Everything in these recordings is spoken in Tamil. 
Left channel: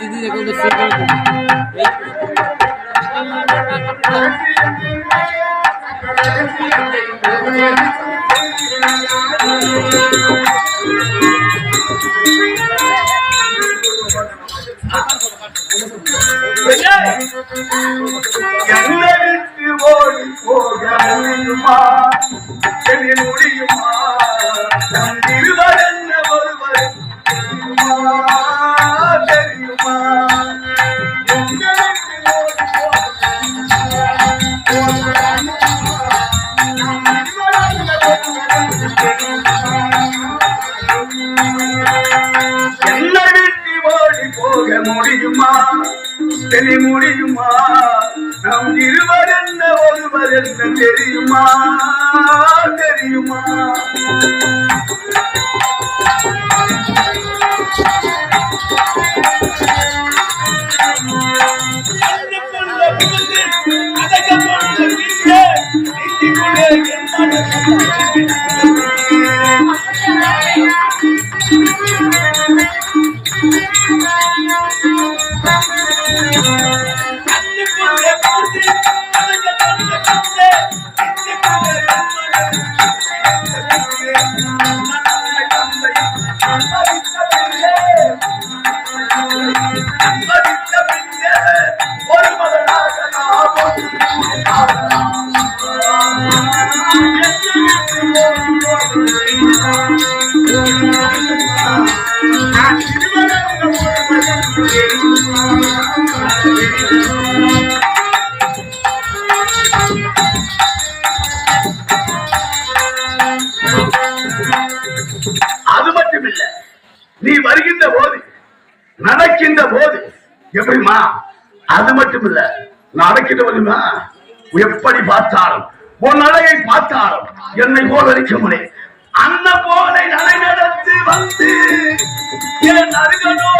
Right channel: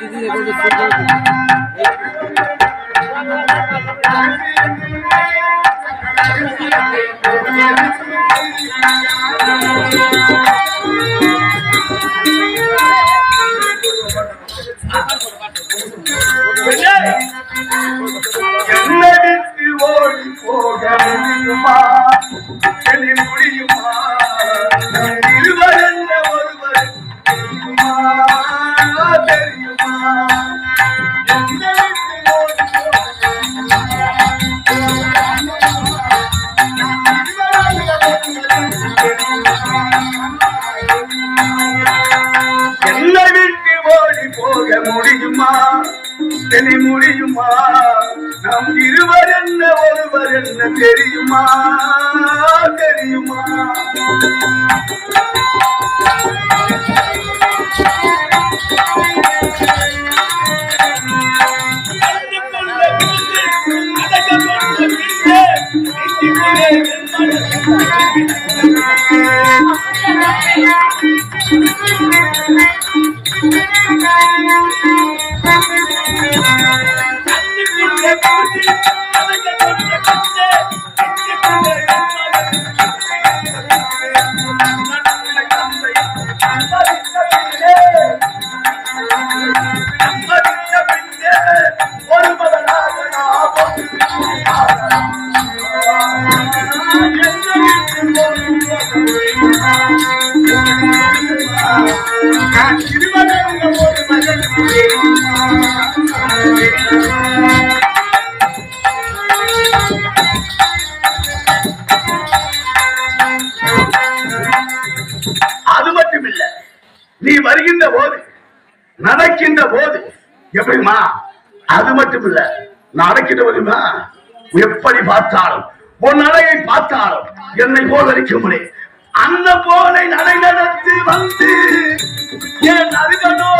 দিদি দেখো எப்படி பார்த்தாலும் உன் அலையை பார்த்தாலும் என்னை போதரிக்க முடியும். அந்த போதனை நடை நடத்தி வந்து என் அருகனோ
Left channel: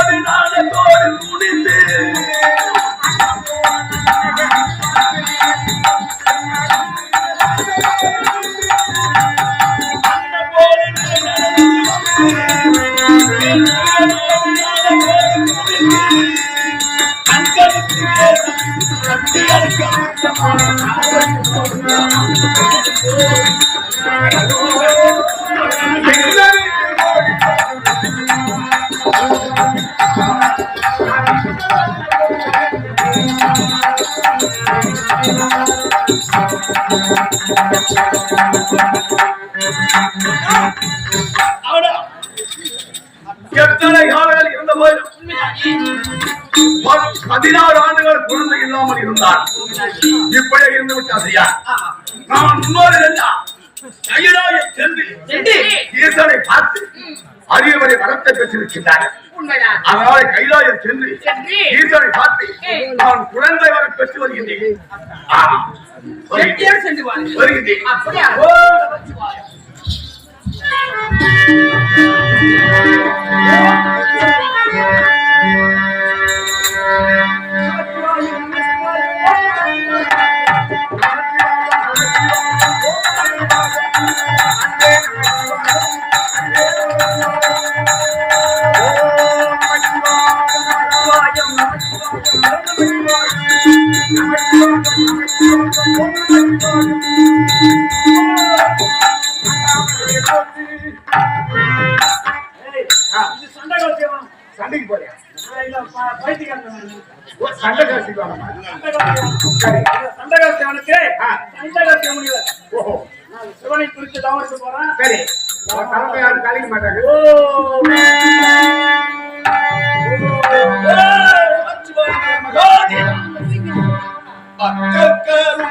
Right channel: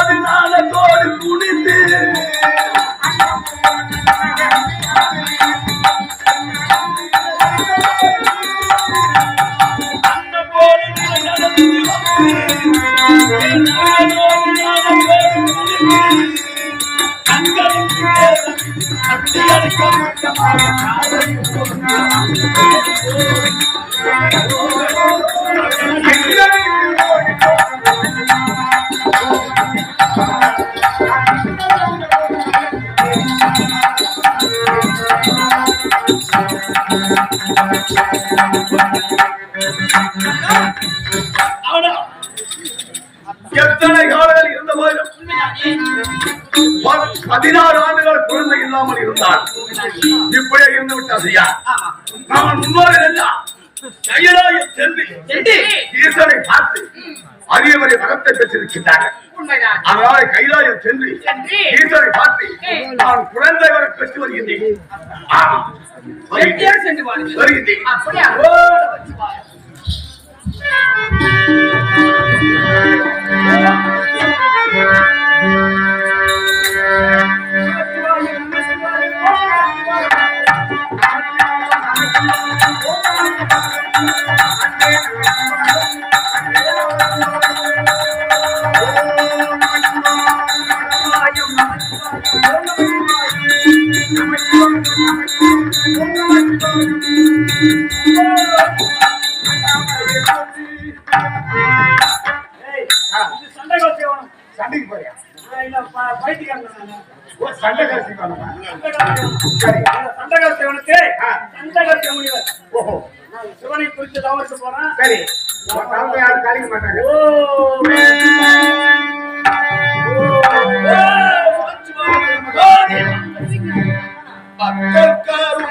சரியா நாம முன்னோர்கள் சென்று ஈசனை பார்த்து அரியவரை வரத்தை பெற்றிருக்கின்றார்கள். அதனால கைலாயம் சென்று ஈசனை பார்த்து நான் குழந்தை வர பெற்று வருகின்றேன். வருகின்றேன். சண்டகர சிவனமா சரி. சண்டகர சிவனுக்கு சண்டகர சிவனிவர் ஓஹோ. சிவனை குறித்து தவறு போறான். சரி. யாரும் கழிக்க மாட்டாங்க. பக்கரும்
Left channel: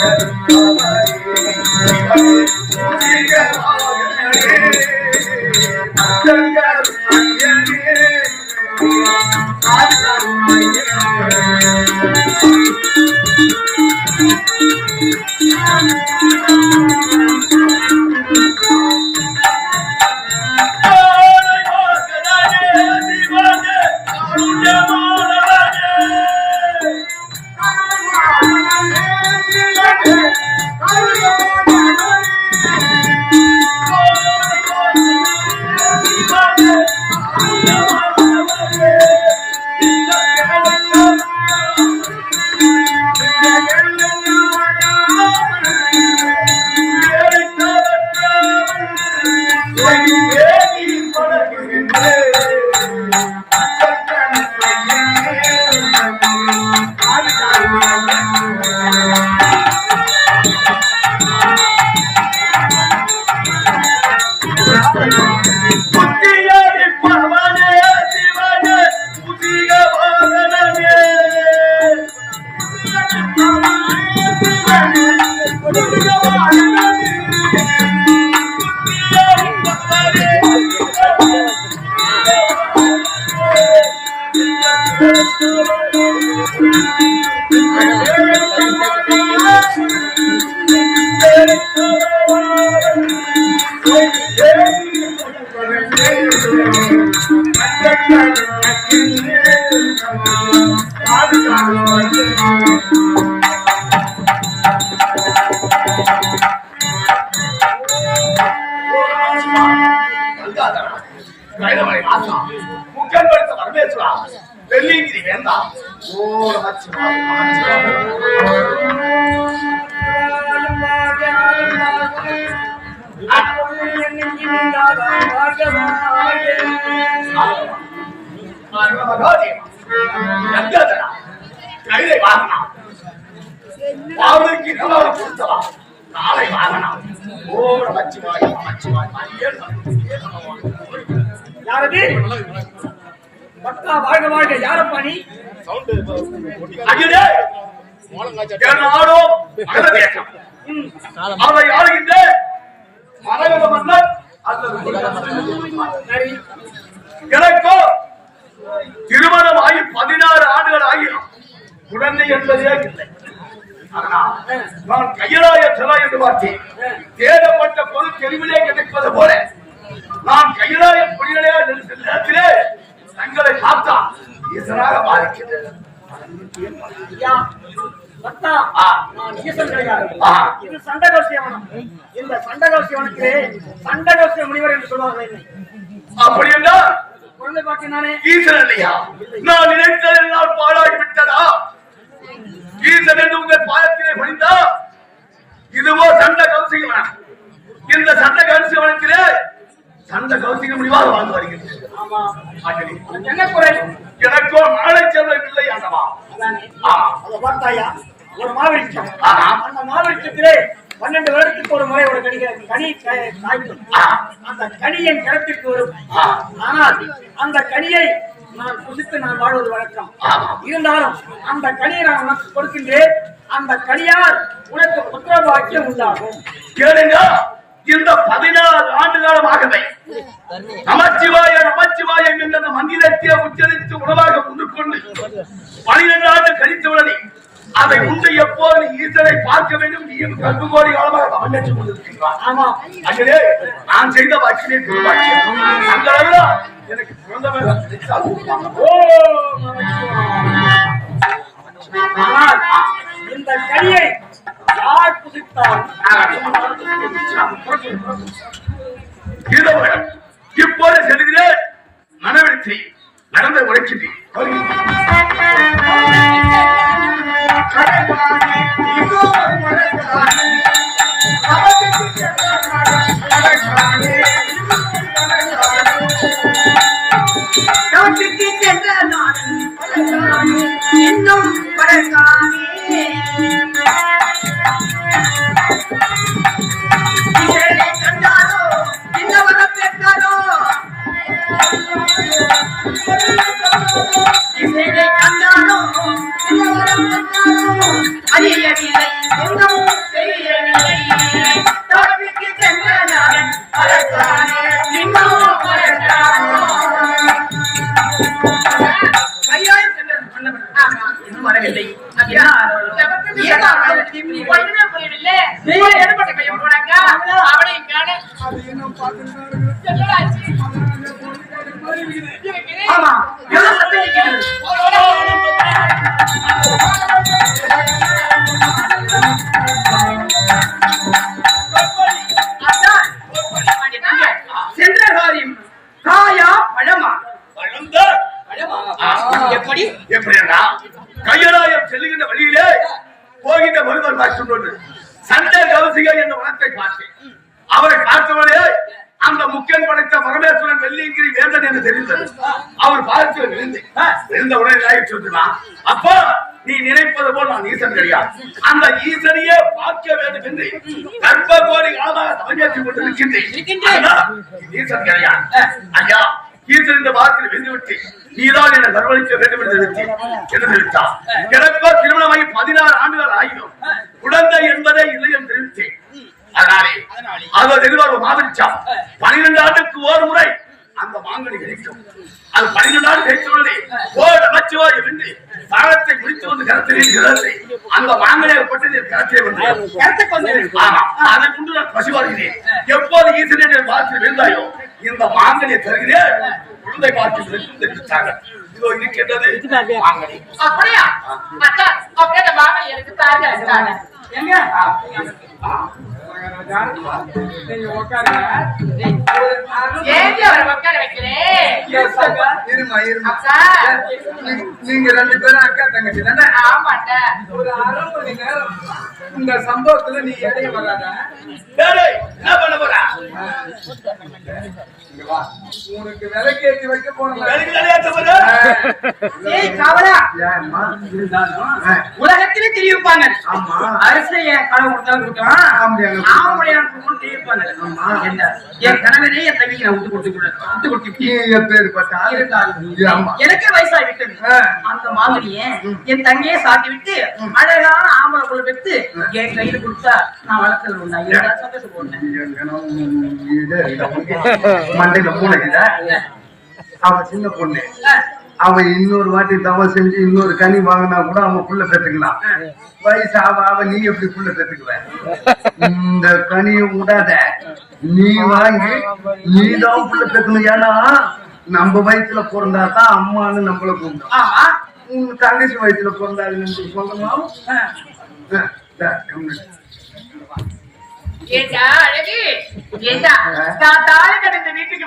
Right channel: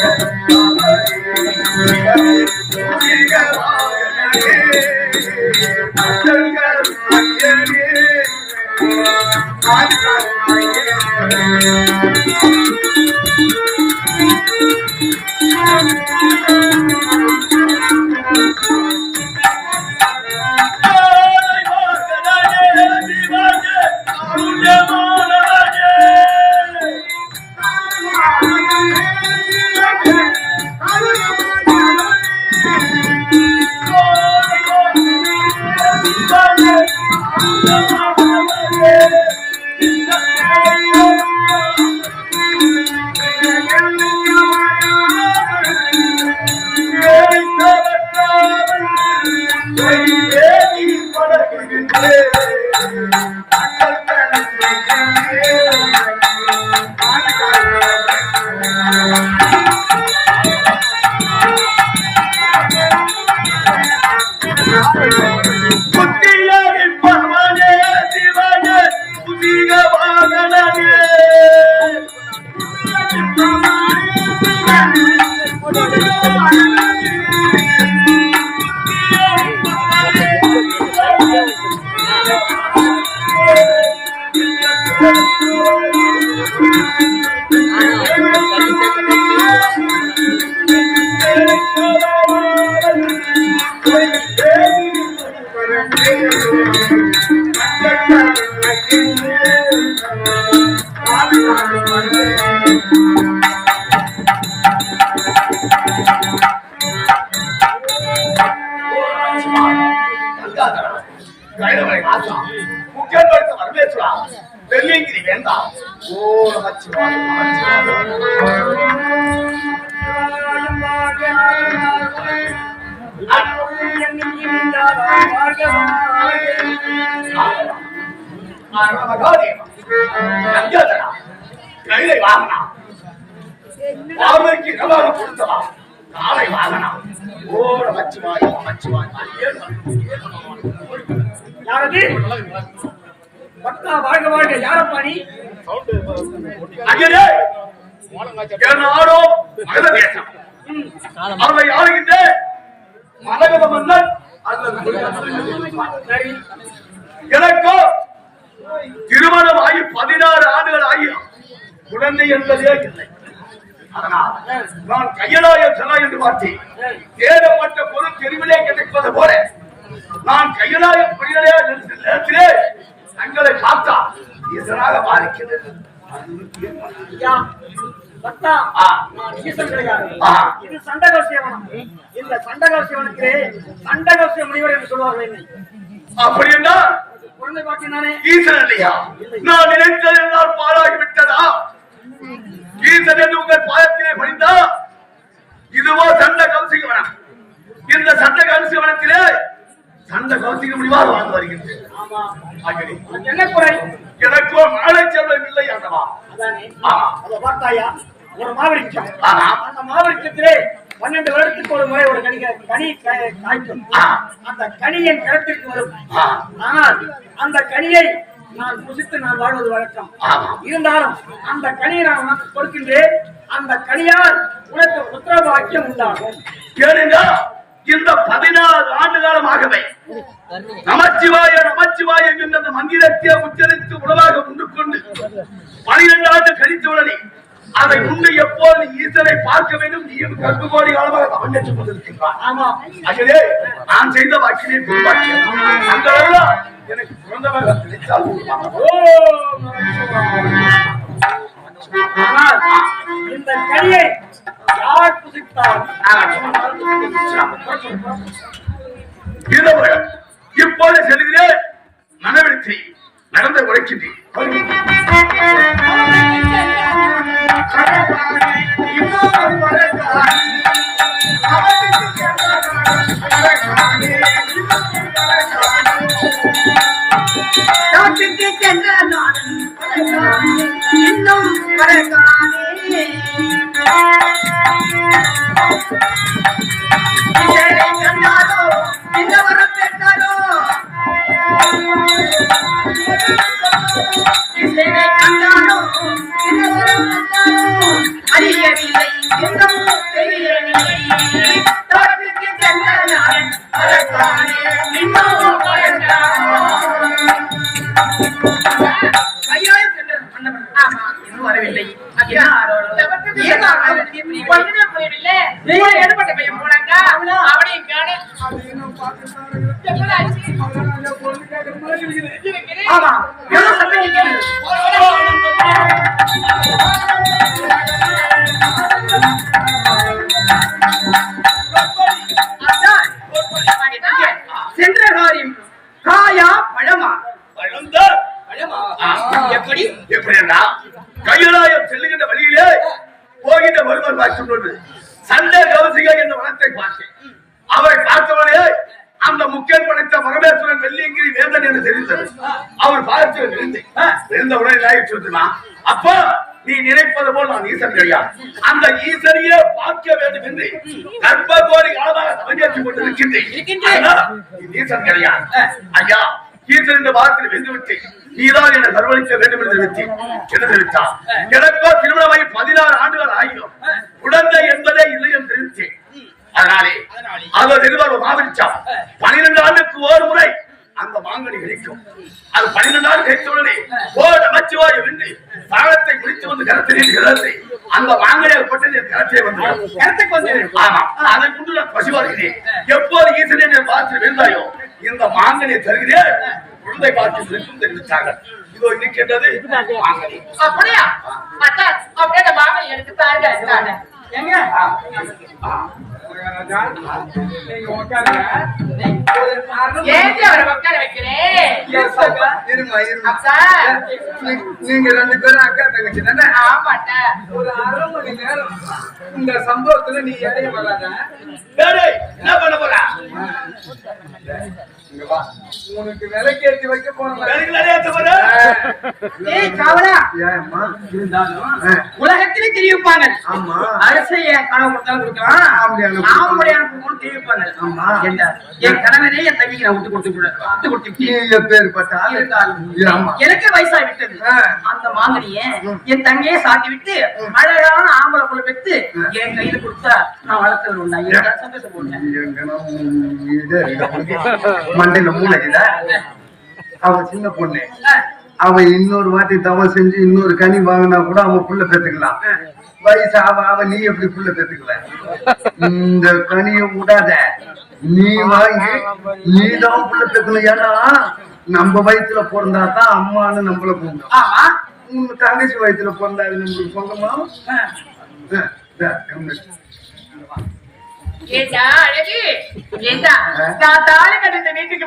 Thank you. யாரது? பக்தா வாழ்க வாழ்க யாரப்பா நீ அகிலே நாடோ மகத தேசம் அதை ஆளுகின்ற சரி. எனக்கோ திருமணம் ஆகி பதினாறு ஆண்டுகள் ஆகியும் குழந்தை என்பதே இல்லை. அதனால் நான் கையலாய என்று பார்த்தேன் தேடப்பட்ட பொருள் தெளிவிலே கிடைப்பது போல நான் கையலாய புரியலே நேரத்திலே தங்களை பார்த்தா ஈசனாக பாதிக்கிறது. நான் ஈசன் கிடையாது. இது சண்டகோசியவனம். இந்த சண்டகோசியவனத்திலே சண்டகோசிய முனிவர் என்று சொல்வார்கள் என்னை. அப்படி என்றால் குழந்தை பார்த்தீங்கன்னானே ஈசன் இல்லையா? நான் நினைத்ததெல்லாம் பாழாகி விட்டதா? ஈசன் என்று உங்கள் பாதத்திலே பணிந்தா இதுவோ சண்ட கௌசிகவனம் இந்த சண்ட கௌசிகவனத்திலே சண்ட கௌசிக முடிவாக வாழ்ந்து உனக்கு என்ன குறை? எனக்கோ மழை செல்வம் இல்லை ஆ, அத பார்த்தாயா? ஒரு மாவிருட்சம் ஆமா. அந்த மாவிருட்சத்திலே பன்னெண்டு வருடத்துக்கு ஒரு முறை ஒரு கனி கனி காய்- காய்க்கும். அந்த கனி என் கிடத்திற்கு வரும். ஆனால் அந்த கனியை நான் புசித்து நான் வாழ்வது வழக்கம். இருந்தாலும் அந்த கனியை நான் உனக்கு கொடுக்கின்றேன். அந்த கனியால் உனக்கு புத்திர பாக்கியம் உண்டாகும். கேளுங்க. இந்த பதினாறு ஆண்டு காலமாகவே நமச்சிவாய நமச்சிவாய என்ற அந்த மந்திரத்தை உச்சரித்து உணவாக உண்டுகொண்டு பனிரெண்டு ஆண்டு கழித்து உள்ளது அதை உண்டு எப்போது ஈசனை பார்க்க வேண்டும் நீயும் கல்வி கோடி காலமாக பெற்றுக் கொண்டிருக்கின்றான். ஆமா. அகிலே நான் செய்த வாக்கினை அந்த எனக்கு குழந்தை கிடைத்தால் ஓ ஆனால் இந்த கனியை யார் புசித்தாலும் இப்போது செல்கிறேன் மனவெழுத்தி நடந்த உழைக்கின்றேன் இன்னும் சென்ற காரியம் காயா பழமா பழம்தான். எப்படி எப்படின்னா கையலாயம் செல்லுகின்ற வழியிலே போகின்ற ஒருவர் பார்த்துக் கொண்டு சண்டை கவசிகா என்ற வனத்தை பார்த்தேன் அவரை பார்த்தவனே அந்த முக்கன் படைத்த பரமேஸ்வரன் வெள்ளியங்கிரி வேந்தன் என்று தெரிந்தது. அவர் பார்த்து விழுந்து விழுந்த உடனே நாய் சொல்லுமா? அப்போ நீ நினைப்பது போல் நான் ஈசன் கிடையாது அந்த ஈசனையே பார்க்க வேண்டும் என்று கர்ப்ப கோடி காலமாக சமஞ்சேற்றி கொண்டிருக்கின்றேன் இருக்கின்றேன். ஈசன் கிடையாது ஐயா ஈசன் இந்த வாரத்தில் வென்று விட்டு நீதான் என கர்வளிக்க வேண்டும் என்று தெரிவித்து என்ன தெரிவித்தார் எனக்கோ திருமணமாகி பதினாறு ஆண்டுகள் ஆகியும் குழந்தை என்பதை இல்லை என்று தெரிவித்தேன் அதனாலே அது தெரிவார் மாவிரிச்சா பனிரெண்டு ஆண்டுக்கு ஒரு முறை அந்த மாங்கனி கிடைக்கும். அது பன்னிரண்டு ஆண்டு கிடைத்த உடனே ஓர் நமச்சிவாய வென்று தாளத்தை பிடித்து வந்து கரத்தில் அந்த மாங்கனியை பட்டு கரத்தை வந்து கருத்துக்கு வந்து ஆமா. அதை கொண்டு நான் பசிவாடுகிறேன் எப்போது ஈசனை பார்த்து வெந்தாயோ இந்த மாங்கனியை தருகிறேன் குழந்தை பார்த்து வென்று தெரிவித்தார்கள் இதோ இருக்கின்றது மாங்கனி. அப்படியா? அப்படியே அந்த எனக்கு தாலி அடிச்சாங்க. எங்க ஏண்டி அவரை உட்கார வைக்கிறேன்? இருமா இருமா அக்கா. நீ- நீங்க ரெண்டு பேரும் அக்கா தங்கச்சி தானே ஆமாட்டா. ஒரு அரை மணி நேரம் இந்த சம்பவத்துல நீ இடையே வராத என்ன பண்ண போறா இங்க வா. உனக்கு விலைக்கேற்றி வைக்க போறேன். உலகத்திலே தெரிவிப்பாங்க ஆமா. அரசை என் கனவு கொடுத்தாலும் கொடுக்கலாம் கொடுக்கணும் தெரிவிப்பாங்க ஆமா. என்ன? என் கணவனே என் நான் விட்டு கொடுத்து விட விட்டு கொடுத்து. எப்பேற்பட்ட ஆளு? இருந்தாலும். எனக்கே வயசாகி விட்டது. அந்த மாங்கனிய என் தங்கையே சாத்தி விட்டு அழகான ஆம்பளை குள்ள பெற்று என் கையில கொடுத்தா நான் வளர்த்து எங்கனா உன் இது மண்டையில மூளைக்குதா? அவன் சின்ன பொண்ணு. அவன் இன்னொரு வாட்டி தவம் செஞ்சு இன்னொரு கனி வாங்கினா கூட அவன் புள்ள பெத்துக்கலாம். வயசு அவ அவ நீ எப்படி புள்ள பெத்துக்கல இந்த கனியை விடாத. நீ வாங்கி நீ தான் புள்ள பெக்கணும் ஏன்னா நம்ம வயித்துல பிறந்தா தான் அம்மான்னு நம்மள ஆமா. உங்க தங்கச்சி வயித்துல பிறந்தா நம்மளுக்கு சொந்தமா? ஏண்டா, அழகு? ஏண்டா, நான் தாலி கட்டின வீட்டுக்கு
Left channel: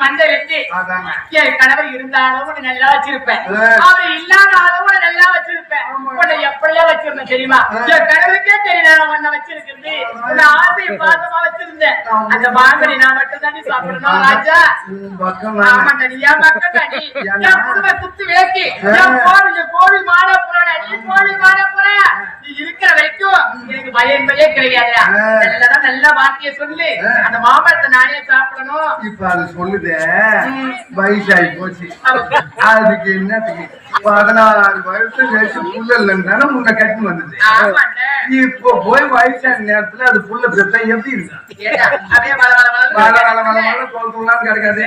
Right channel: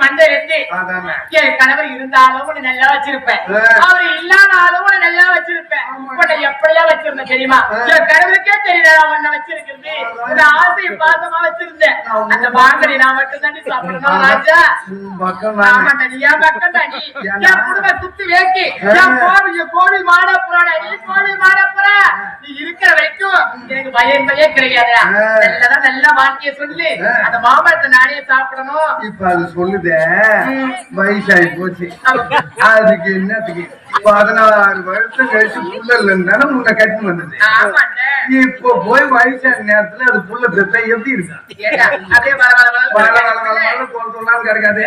என் கணவர் இருந்தாலும் உன்னை நல்லா வச்சிருப்பேன். அவர் இல்லாதாலும் உன்னை நல்லா வச்சிருப்பேன். உன்னை எப்படிலாம் வச்சிருந்தேன் தெரியுமா. என் கணவருக்கே தெரியல நான் உன்னை வச்சிருக்கிறது? இந்த ஆசை பாசமா வச்சிருந்தேன். அந்த நான் மட்டும் தாண்டி சாப்பிடணும் ராஜா. ஆமா. தனி என் பக்கம் தாண்டி. ஏன்னா? என் குடும்ப சுத்தி வேக்கி ஆ. என் கோவில் என் கோவில் நீ கோவில் மாடப்புறா? நீ இருக்கிற வரைக்கும் எனக்கு பயன்பே கிடையாது. ஆ. நல்லதா நல்ல வார்த்தையை சொல்லு. அந்த மாம்பழத்தை நானே சாப்பிடணும். இப்ப அது சொல்லுதே. வயசாகி போச்சு. அதுக்கு என்னத்துக்கு? பதினாறு வருஷம் கழிச்சு புள்ள இல்லைன்னு முன்ன கட்டி வந்தது இப்போ போய் வயசான நேரத்துல அது புள்ள பெத்தா எப்படி இருக்கு கிடைக்காது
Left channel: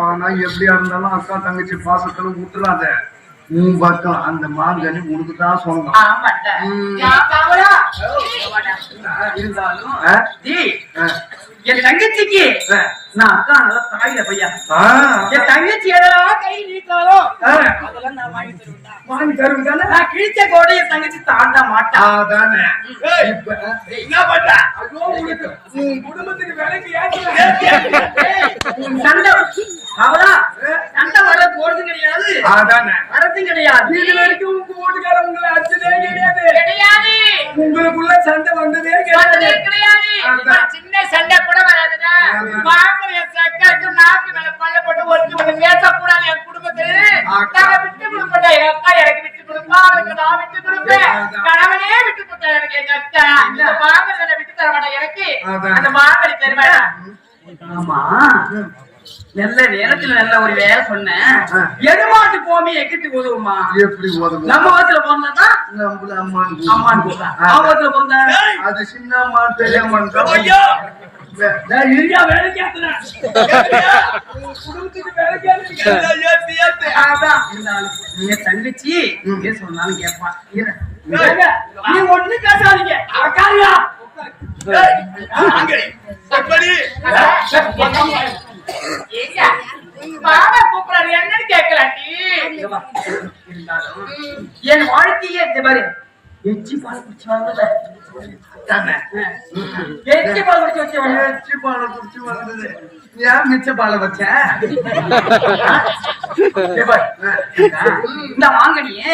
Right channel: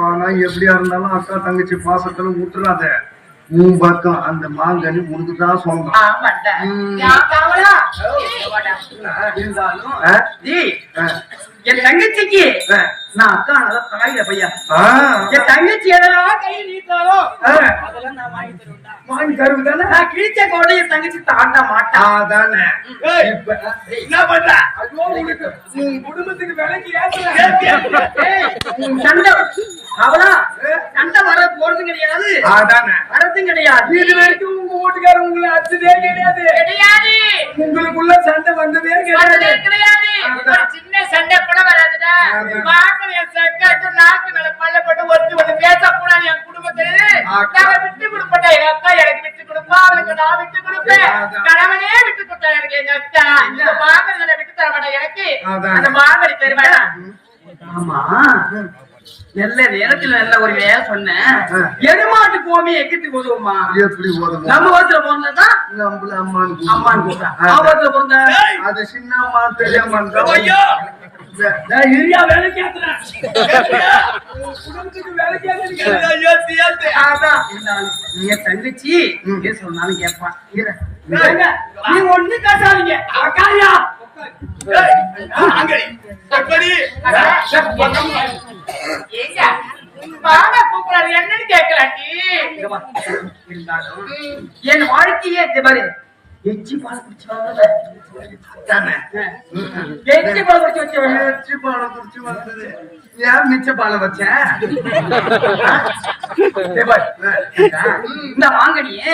ஆனா எப்படியா இருந்தாலும் அக்கா தங்கச்சி பாசத்துல விட்டுறாத உன் பக்கம் அந்த மாங்கனி உனக்கு தான் சொந்தம் ஆமாண்டா. ம். நான் பாவலா? வாடா. இருந்தாலும். என் தங்கச்சிக்கு. நான் அக்கா தாயில. என் தங்கச்சி எதெல்லாம் கை நீட்டாலோ. அதெல்லாம் நான் வாங்கி தருவேன்டா வாங்கி தருவேன் தானே நான் கிழிச்ச கோடை என் தங்கச்சி தாண்ட என்ன பண்ற ஐயோ, உனக்கு உன் குடும்பத்துக்கு வேலைக்கு உன் சண்டை அவளா சண்டை வர போறது கிடையாது அதானே வரதும் கிடையாது இது வரைக்கும் உங்க வீட்டுக்காரர் உங்களை அடிச்சதே கிடையாது கிடையாது. உங்களுக்குள்ள சண்டை வந்ததே கிடையாது கிடையாது. சின்ன சண்டை கூட வராதுடா. பாக்குற என் சக்கரைக்கு நாக்கு மேல பல்ல போட்டு ஒருத்தி ஒண்ணு பேசக்கூடாது என் குடும்பத்துல. நாங்க விட்டு கொடுப்போம்டா. எங்க அக்கா எனக்கு விட்டு கொடுப்பா, அவளுக்கு நான் விட்டு கொடுப்பேன். கணவனே விட்டு கொடுத்தா எனக்கு எங்க அக்கா. இந்த மாங்கனிகளை விட்டு தர மாட்டா எனக்கு. அந்த மாங்கனி தருவாடா. ஆமா நல்ல நேரத்துல நல்ல ஒரு வேலை சொன்னேன். எருமாட்டு போமி எக்கிட்டு உதவுமா எப்படி உதவும் நம்ம வயசுல பிறந்ததான் நம்மள அம்மான் அவன் அது சின்ன பெரிய அம்மான் இரியா குடும்பத்துக்கு அதான் இருந்தாலும் நீங்க தங்கச்சி சொன்னாலும் கேட்பான் நீ ஒண்ணு அக்காரியா ஏங்க மாமா கூப்பிடாரு என்னன்னு இருந்தாலும் என் வாழ்க்கையே இந்த மாதிரி எச்சி பால் குடிச்சு வாங்கல எச்சி பால் குடிச்சு வச்சவன். ஏச்சி பாலை குடிச்சு வந்தது. ஏன் மிச்ச பாலை வச்சேன் இந்த. வாங்கனியே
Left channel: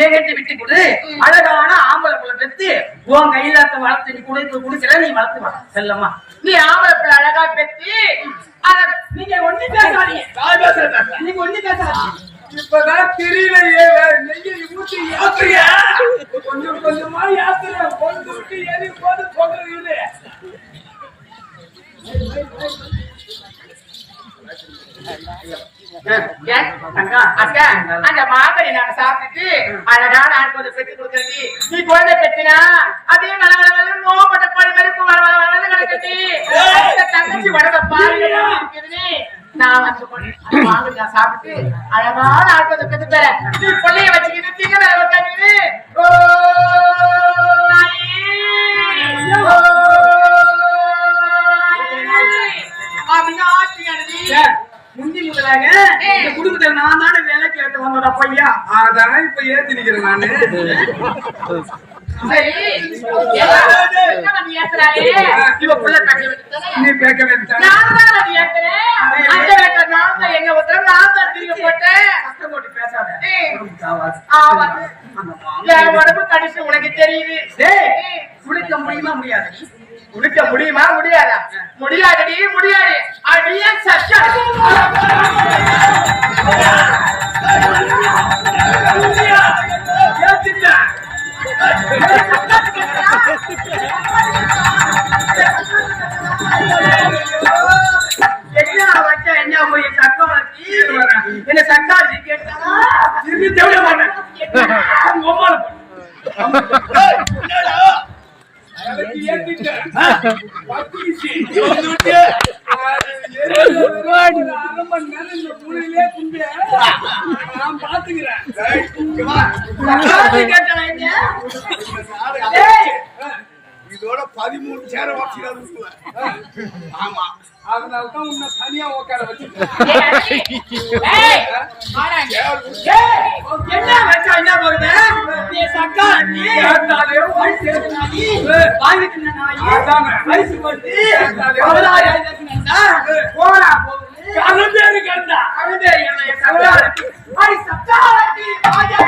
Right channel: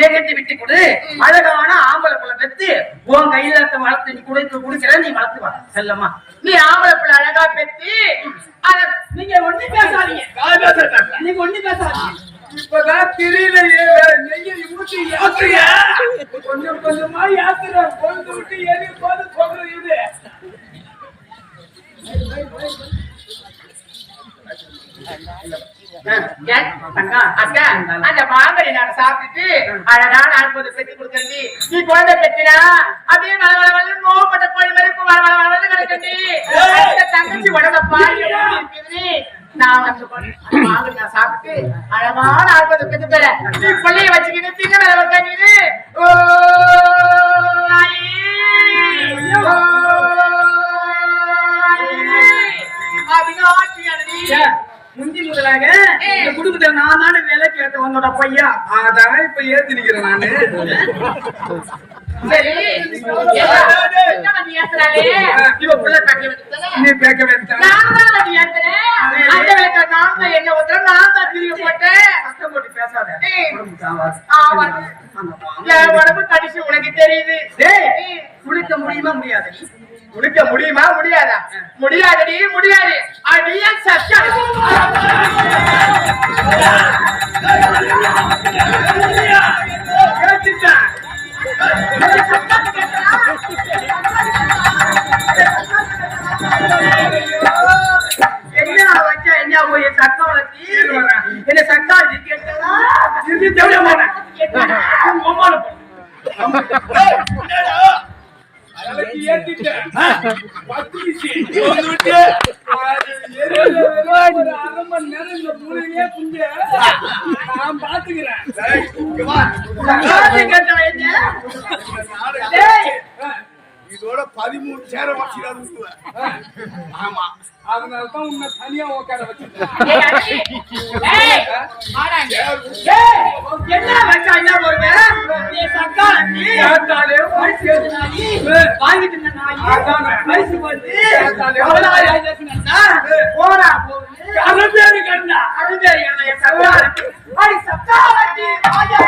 ஏகட்டி விட்டு கொடு. அழகான ஆம்பளை புள்ள பெத்து உன் கையில வளர்த்து நீ குடிக்க குடிக்கிற நீ வளர்த்து வா செல்லம்மா. நீ ஆம்பளை பிள்ளை அழகா பெத்தி நீங்க ஒண்ணு பேசாதீங்க. நீங்க ஒண்ணு பேசாதீங்க. இப்பதான் தெரியலையே நெய்ய ஊட்டி ஏத்துறிய? கொஞ்சம் கொஞ்சமா ஏத்துற கொண்டு விட்டு எரி போது சொல்றது இது. அக்கா, அந்த மாங்கனி நாங்க சாப்பிட்டுட்டு அழகான ஆண்குழந்தை பெத்து கொடுக்கறடி. நீ குழந்தை பெத்தினா, அப்படியே வள வள கோழி மாதிரி வள தங்கச்சி உடம்ப பாரு. நான் நான் சாப்பிட்டு அழகான தரேன். நீ பிள்ளைய வச்சுக்கிட்டு திங்க மேல உட்காந்துக்கிட்டு, ஓ. முந்தி முதலாக இந்த குடும்பத்துல நான் தானே வேலை கேட்டு உன்னோட பையா அதான் இப்ப ஏத்தி நிக்கிறேன் நானு என்ன நீ கேட்க வேண்டாம் அந்த விளக்க நான் தான் திரும்பி போட்டேன் சத்தம் போட்டு பேசாத உடம்பு கடிச்சு உனக்கு தெரியுது குளிக்க முடியுமா முடியாது குளிக்க முடியுமா? முடியாதா? முடியாதடி முடியாது. அடியே Thank you வச்சா என்ன போய் சக்கவளை தீர் வரேன் என்ன சக்காசி கேட்டா திரும்பி தேவையா போனேன் எனக்கு ஏத்திட்டேன் பத்து வீசி. அது எரியுற வரைக்கும் ஒரு அரை மணி நேரம் இந்த குண்டு. நான் பாத்துக்கிறேன் இதோட பதிமூணு சேர வச்சுக்கிறாரு ஆமா அதனால தான் உன்னை தனியா உட்கார வச்சு கேட்டாலே வாங்கிட்டு வந்து கேட்டாலே பதினாறு ஆயிரத்தி நந்தா போனா கண்டா அழுதே என்னைய சக்காசி ஐ சக்காசி ராஜா